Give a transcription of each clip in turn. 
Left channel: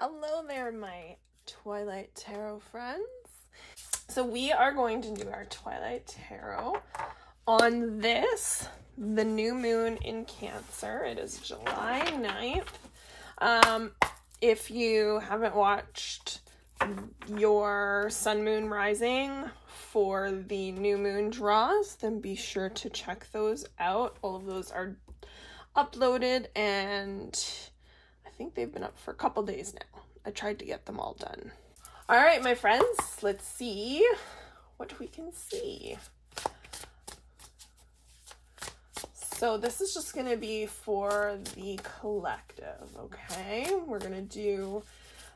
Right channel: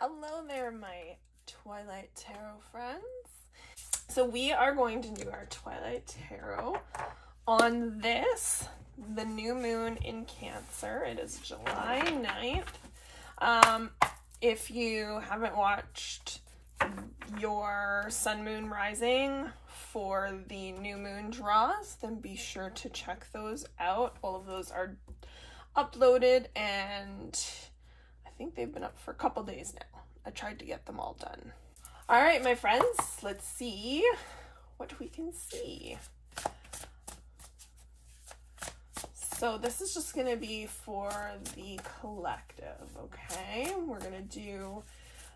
Hello there, my Twilight Tarot friends. So we are going to do our Twilight Tarot on this, the new moon in Cancer. It is July 9th. If you haven't watched your sun, moon, rising for the new moon draws, then be sure to check those out. All of those are uploaded and I think they've been up for a couple days now. I tried to get them all done. All right, my friends, let's see what we can see. So this is just gonna be for the collective, okay? We're gonna do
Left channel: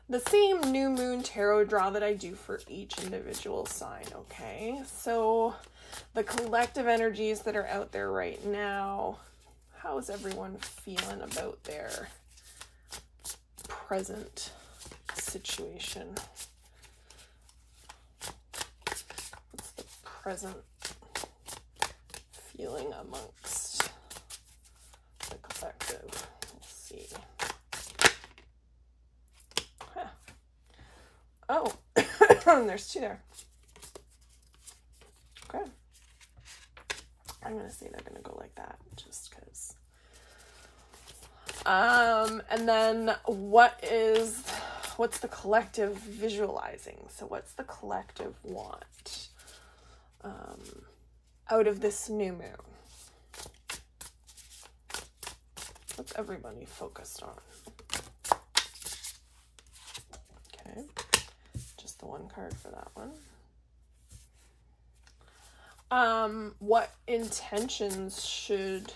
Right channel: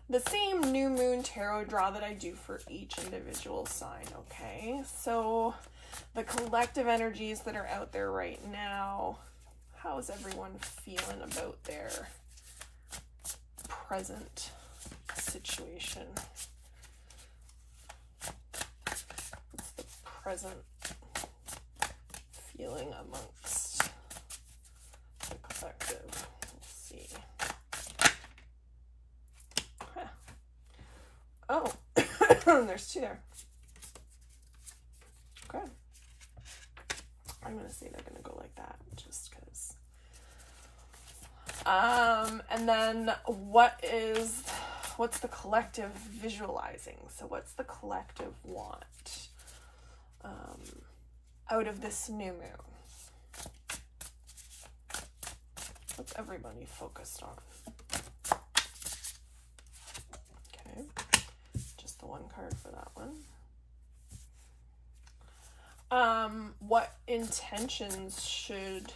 the same new moon tarot draw that I do for each individual sign, okay? So the collective energies that are out there right now, how is everyone feeling about their present situation? What's the present feeling amongst the collective? Let's see. Huh. Oh, there's two there. Okay. I'm gonna say they're gonna go like that just because. And then what's the collective visualizing? So what's the collective want out of this new moon? What's everybody focused on? Okay, just the one card for that one. What intentions should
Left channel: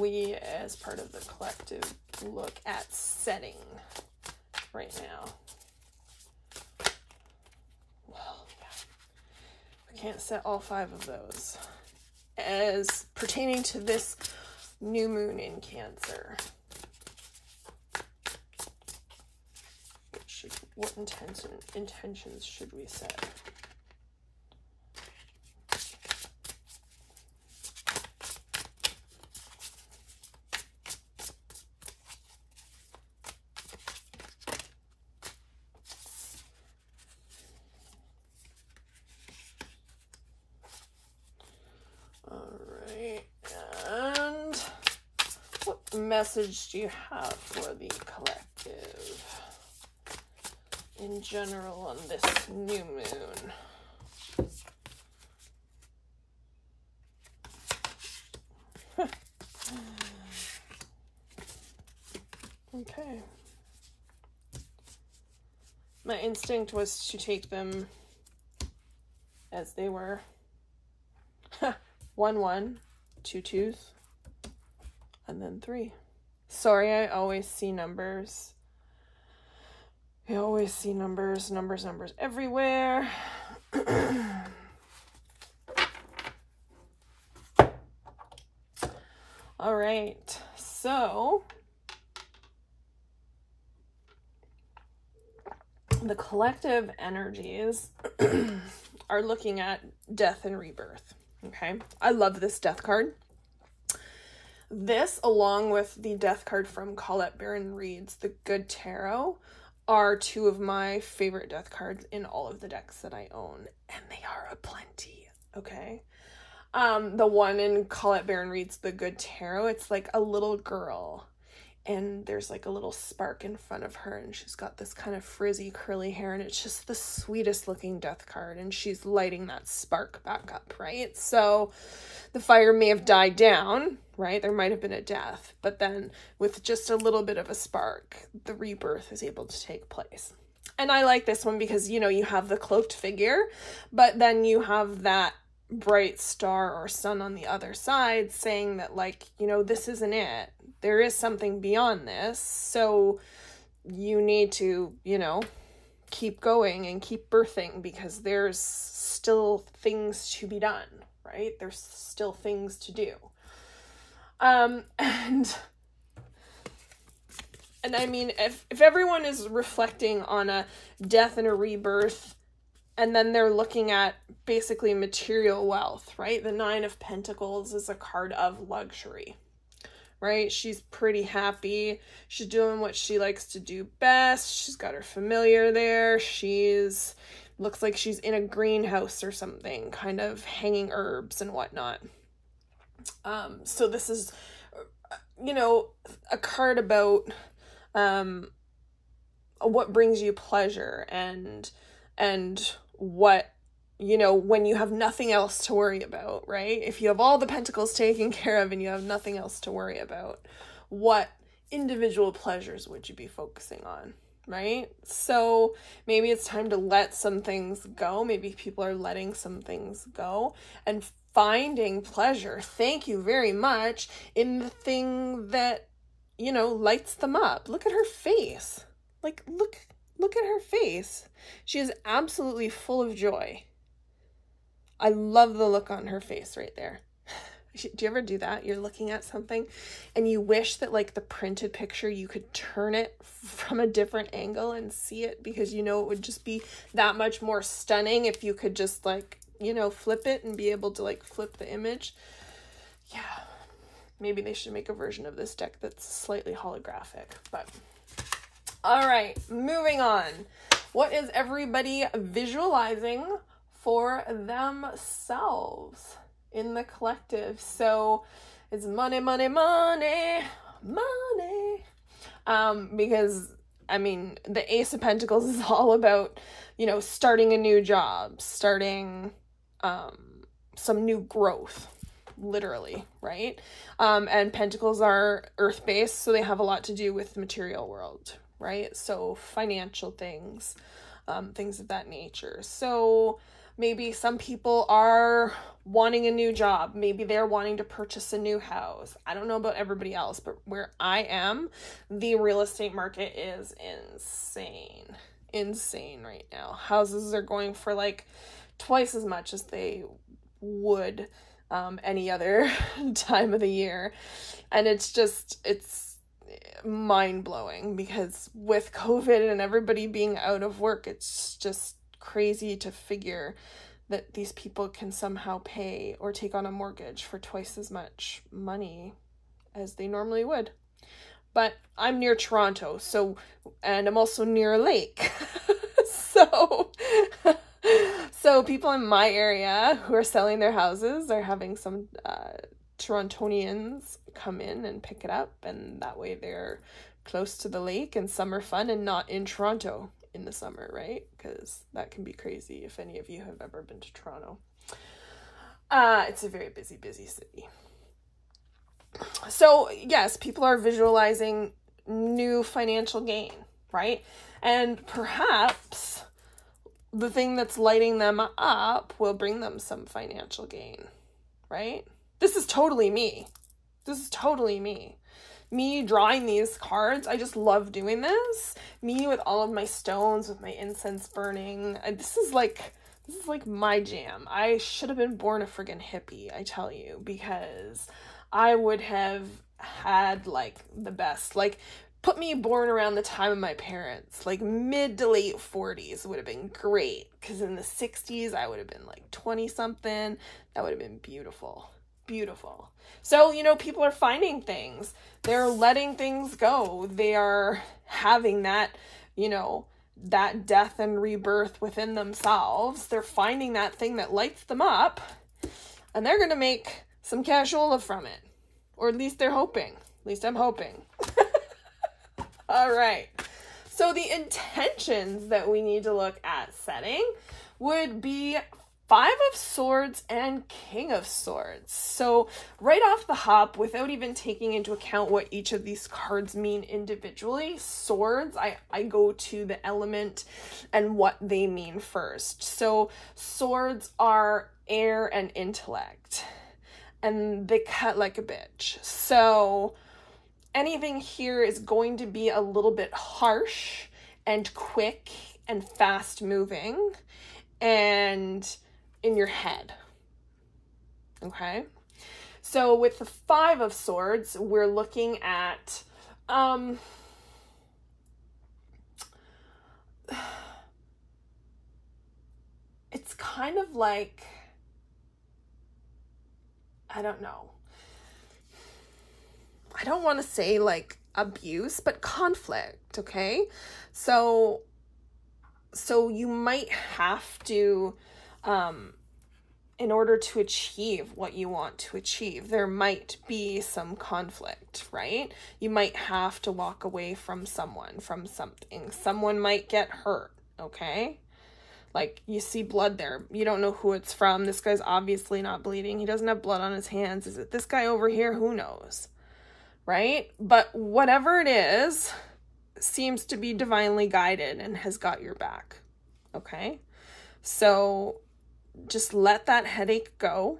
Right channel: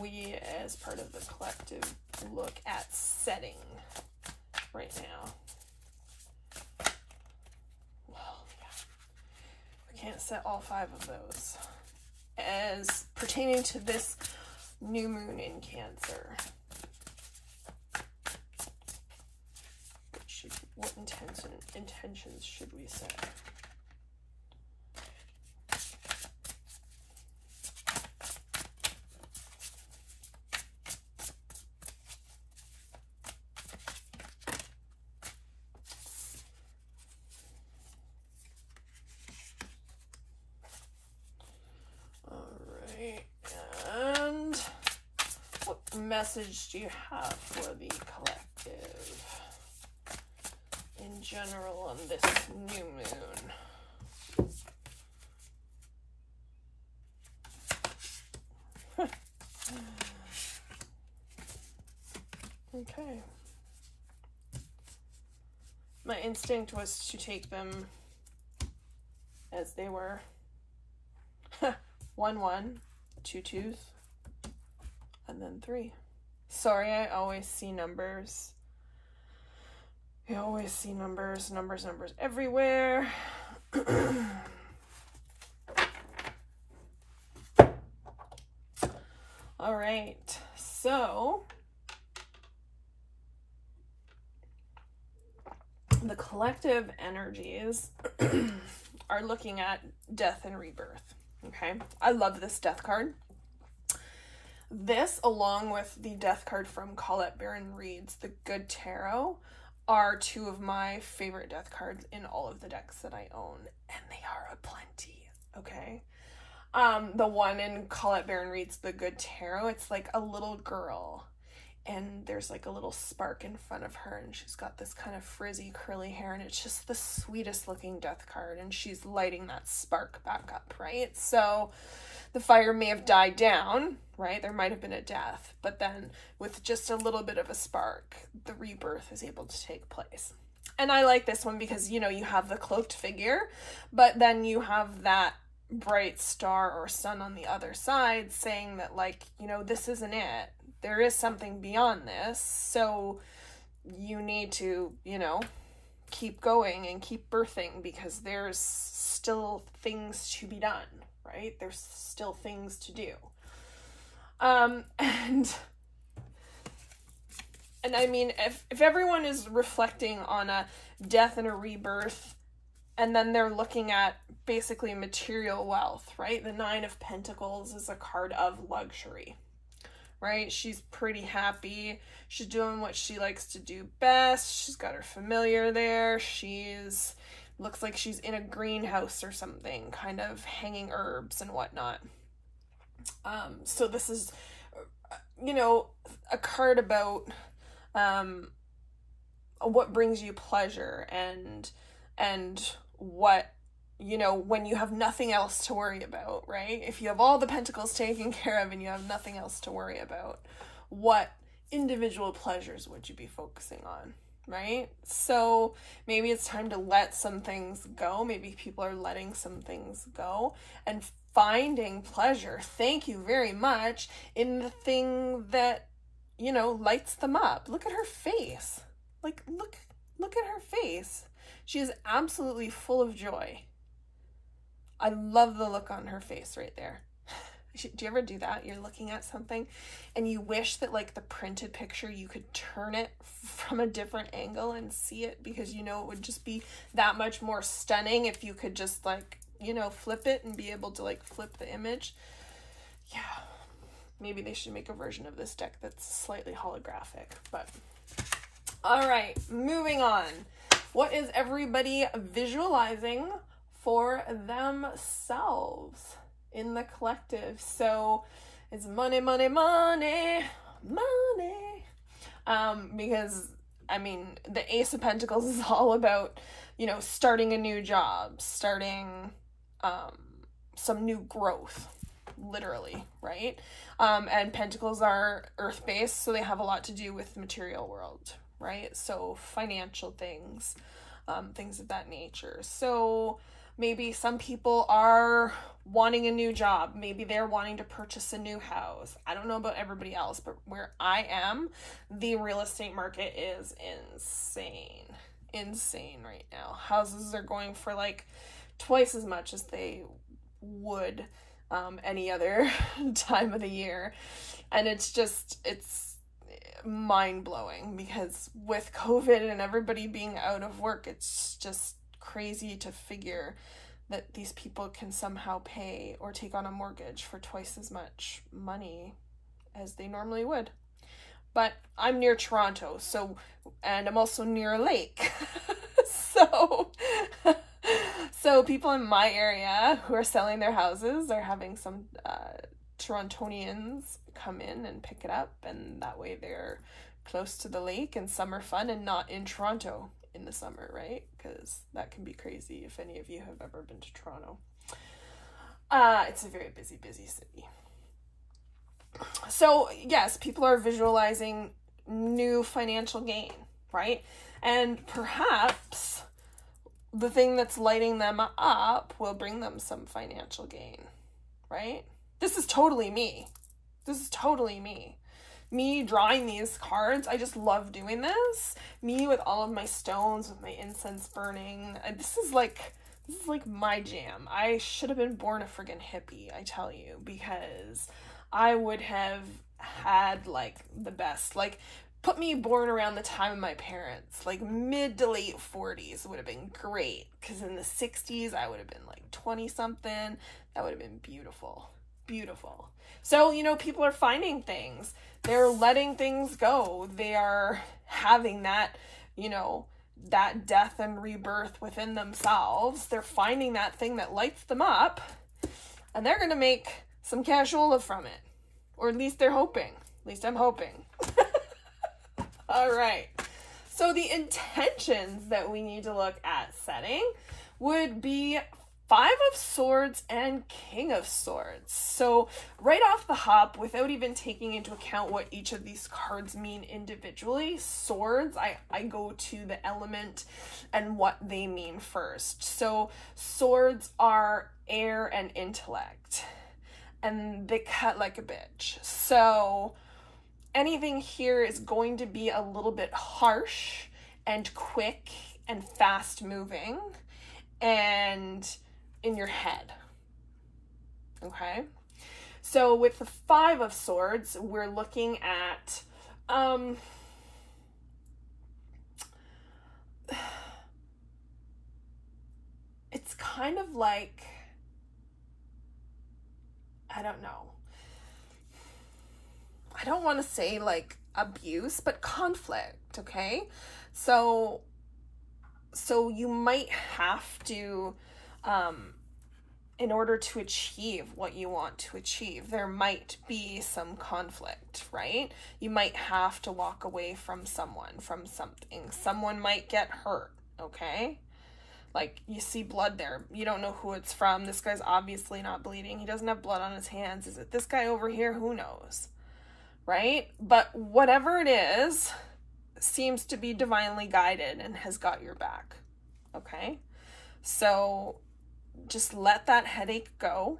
we as part of the collective look at setting right now? Well, yeah, we can't set all 5 of those as pertaining to this new moon in Cancer. What intentions should we set? Message do you have for the collective in general on this new moon? Okay. My instinct was to take them as they were. 1 1, 2 2s, and then 3. Sorry, I always see numbers. You always see numbers everywhere. All right, so the collective energies are looking at death and rebirth, okay? I love this death card. This, along with the death card from Colette Baron Reid's The Good Tarot, are 2 of my favorite death cards in all of the decks that I own, and they are aplenty, okay? The one in Colette Baron Reid's The Good Tarot, it's like a little girl, and there's like a little spark in front of her, and she's got this kind of frizzy curly hair, and it's just the sweetest looking death card, and she's lighting that spark back up, right? So the fire may have died down, right? There might have been a death, but then with just a little bit of a spark, the rebirth is able to take place. And I like this one because, you know, you have the cloaked figure, but then you have that bright star or sun on the other side saying that, like, you know, this isn't it. There is something beyond this. So you need to, you know, keep going and keep birthing because there's still things to be done. Right? There's still things to do. And I mean, if everyone is reflecting on a death and a rebirth, and then they're looking at basically material wealth, right? The 9 of Pentacles is a card of luxury, right? She's pretty happy. She's doing what she likes to do best. She's got her familiar there. Looks like she's in a greenhouse or something, kind of hanging herbs and whatnot. So this is, you know, a card about what brings you pleasure and what, you know, when you have nothing else to worry about, right? If you have all the pentacles taken care of and you have nothing else to worry about, what individual pleasures would you be focusing on, right? So maybe it's time to let some things go. Maybe people are letting some things go and finding pleasure, thank you very much, in the thing that, you know, lights them up. Look at her face. Like, look at her face. She is absolutely full of joy. I love the look on her face right there. Do you ever do that? You're looking at something and you wish that, like, the printed picture, you could turn it from a different angle and see it, because you know it would just be that much more stunning if you could just, like, you know, flip it and be able to, like, flip the image. Yeah, maybe they should make a version of this deck that's slightly holographic. But all right, moving on. What is everybody visualizing for themselves in the collective? So it's money, money, money, money. Because, I mean, the Ace of Pentacles is all about, you know, starting a new job, starting some new growth, literally, right? And Pentacles are earth-based, so they have a lot to do with the material world, right? So financial things, things of that nature. So maybe some people are wanting a new job. Maybe they're wanting to purchase a new house. I don't know about everybody else, but where I am, the real estate market is insane right now. Houses are going for like twice as much as they would any other time of the year. And it's mind-blowing, because with COVID and everybody being out of work, it's just crazy to figure that these people can somehow pay or take on a mortgage for twice as much money as they normally would. But I'm near Toronto, so, and I'm also near a lake. So people in my area who are selling their houses are having some Torontonians come in and pick it up, and that way they're close to the lake and summer fun and not in Toronto in the summer, right? Because that can be crazy if any of you have ever been to Toronto. It's a very busy city. So yes, people are visualizing new financial gain, right? And perhaps the thing that's lighting them up will bring them some financial gain, right? This is totally me. This is totally me. Me drawing these cards, I just love doing this. Me with all of my stones, with my incense burning. This is like my jam. I should have been born a friggin' hippie, I tell you, because I would have had like the best, like, put me born around the time of my parents, like mid to late 40s would have been great, because in the 60s I would have been like 20 something. That would have been beautiful, beautiful. So, you know, people are finding things, they're letting things go, they are having that, you know, that death and rebirth within themselves. They're finding that thing that lights them up, and they're gonna make some cashola from it, or at least they're hoping. At least I'm hoping. All right, so the intentions that we need to look at setting would be 5 of Swords and King of Swords. So right off the hop, without even taking into account what each of these cards mean individually, swords, I go to the element and what they mean first. So swords are air and intellect, and they cut like a bitch. So anything here is going to be a little bit harsh and quick and fast moving and in your head. Okay, so with the 5 of Swords, we're looking at it's kind of like, I don't know, I don't want to say like abuse, but conflict, okay? So you might have to, in order to achieve what you want to achieve, there might be some conflict, right? You might have to walk away from someone, from something. Someone might get hurt, okay? Like, you see blood there. You don't know who it's from. This guy's obviously not bleeding. He doesn't have blood on his hands. Is it this guy over here? Who knows, right? But whatever it is, seems to be divinely guided and has got your back, okay? So just let that headache go.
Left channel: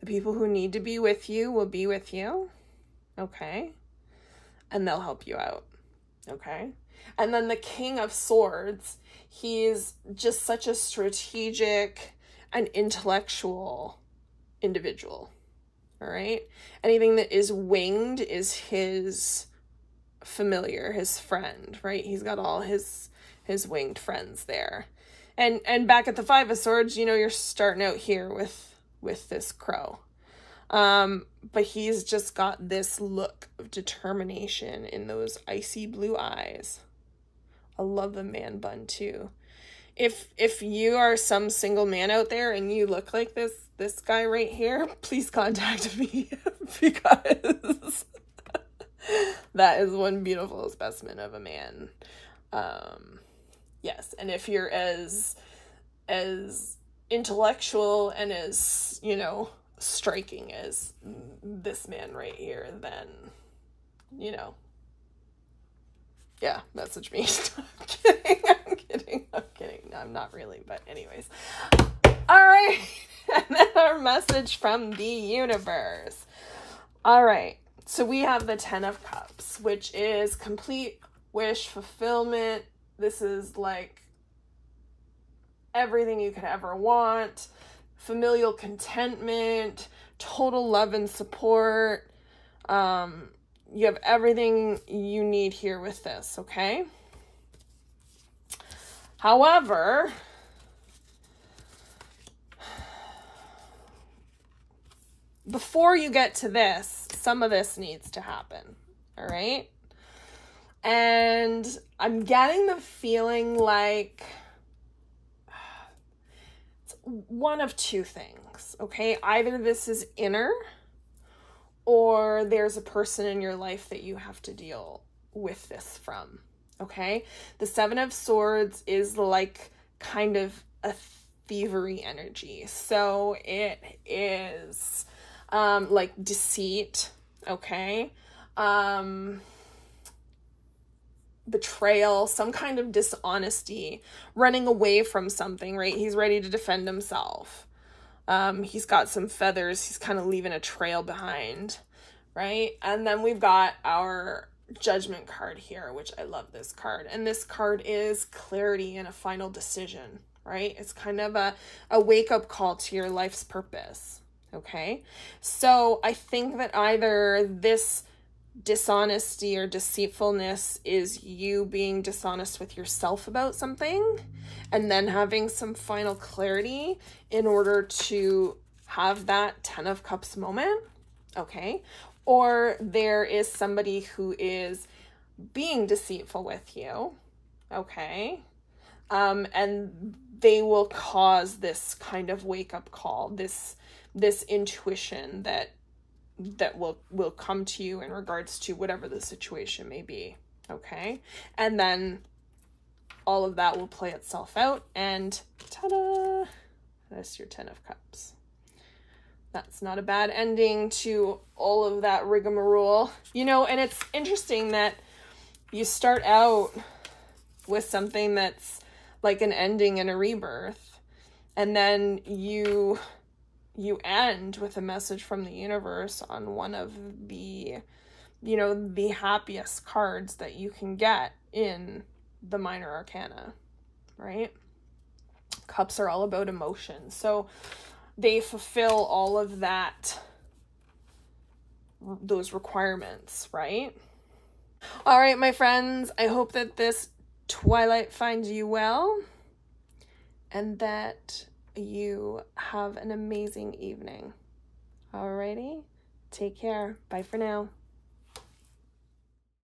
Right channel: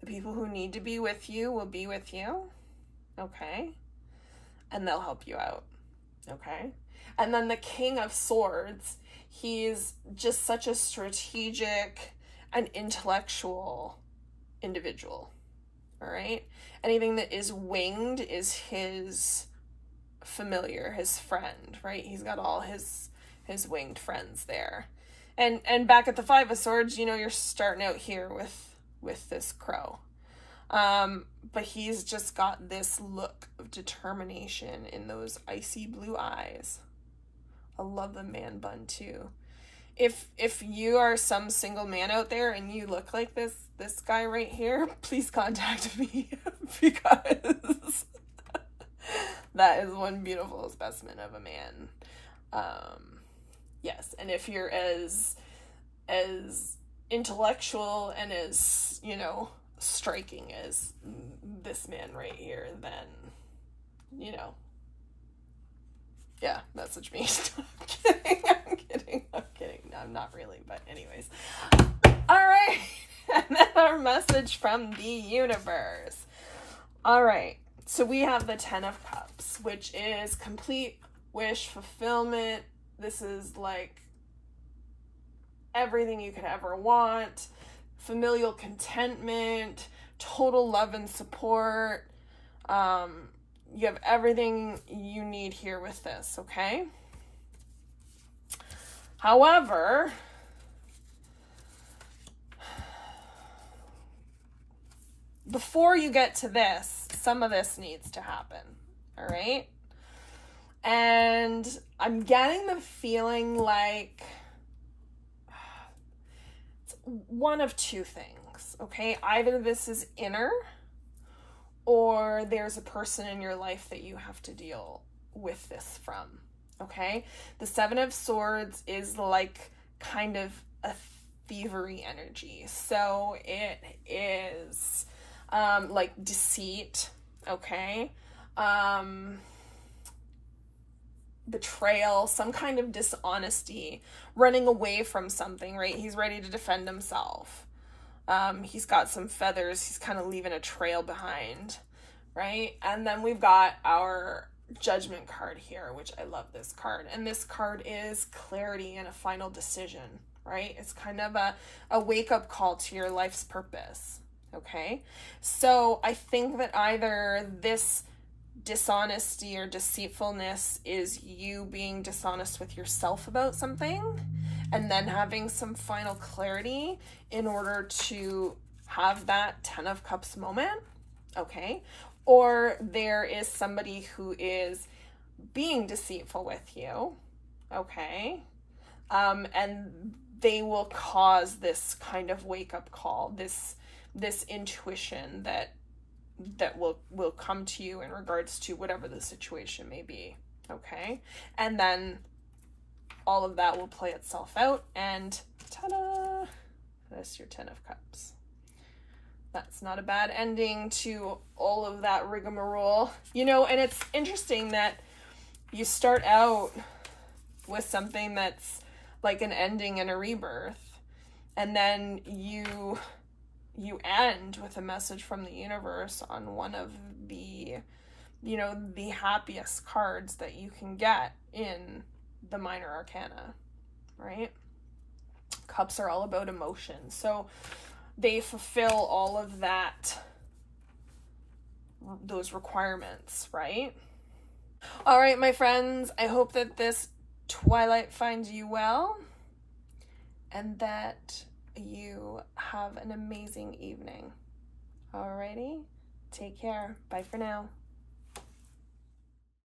The people who need to be with you will be with you, okay? And they'll help you out, okay? And then the King of Swords, he's just such a strategic and intellectual individual, all right? Anything that is winged is his familiar, his friend, right? He's got all his winged friends there. And back at the Five of Swords, you know, you're starting out here with this crow. But he's just got this look of determination in those icy blue eyes. I love the man bun too. If you are some single man out there and you look like this guy right here, please contact me because that is one beautiful specimen of a man. Yes, and if you're as intellectual and as, you know, striking as this man right here, then, you know, yeah, message me. I'm kidding. No, I'm not really, but anyways. All right, and then our message from the universe. All right, so we have the Ten of Cups, which is complete wish fulfillment. This is like everything you could ever want, familial contentment, total love and support. You have everything you need here with this, okay? However, before you get to this, some of this needs to happen, all right? And I'm getting the feeling like it's one of two things, okay? Either this is inner, or there's a person in your life that you have to deal with this from, okay? The Seven of Swords is like kind of a thievery energy. So it is like deceit, okay? Betrayal, some kind of dishonesty, running away from something, right? He's ready to defend himself. He's got some feathers. He's kind of leaving a trail behind, right? And then we've got our Judgment card here, which I love this card. And this card is clarity and a final decision, right? It's kind of a wake-up call to your life's purpose, okay? So I think that either this dishonesty or deceitfulness is you being dishonest with yourself about something and then having some final clarity in order to have that Ten of Cups moment, okay? Or there is somebody who is being deceitful with you, okay? And they will cause this kind of wake-up call, this intuition that will come to you in regards to whatever the situation may be, okay? And then all of that will play itself out, and ta-da! That's your Ten of Cups. That's not a bad ending to all of that rigmarole. You know, and it's interesting that you start out with something that's like an ending and a rebirth, and then you end with a message from the universe on one of the, you know, the happiest cards that you can get in the minor arcana, right? Cups are all about emotion. So they fulfill all of that, those requirements, right? All right, my friends, I hope that this Twilight finds you well and that you have an amazing evening. Alrighty, take care. Bye for now.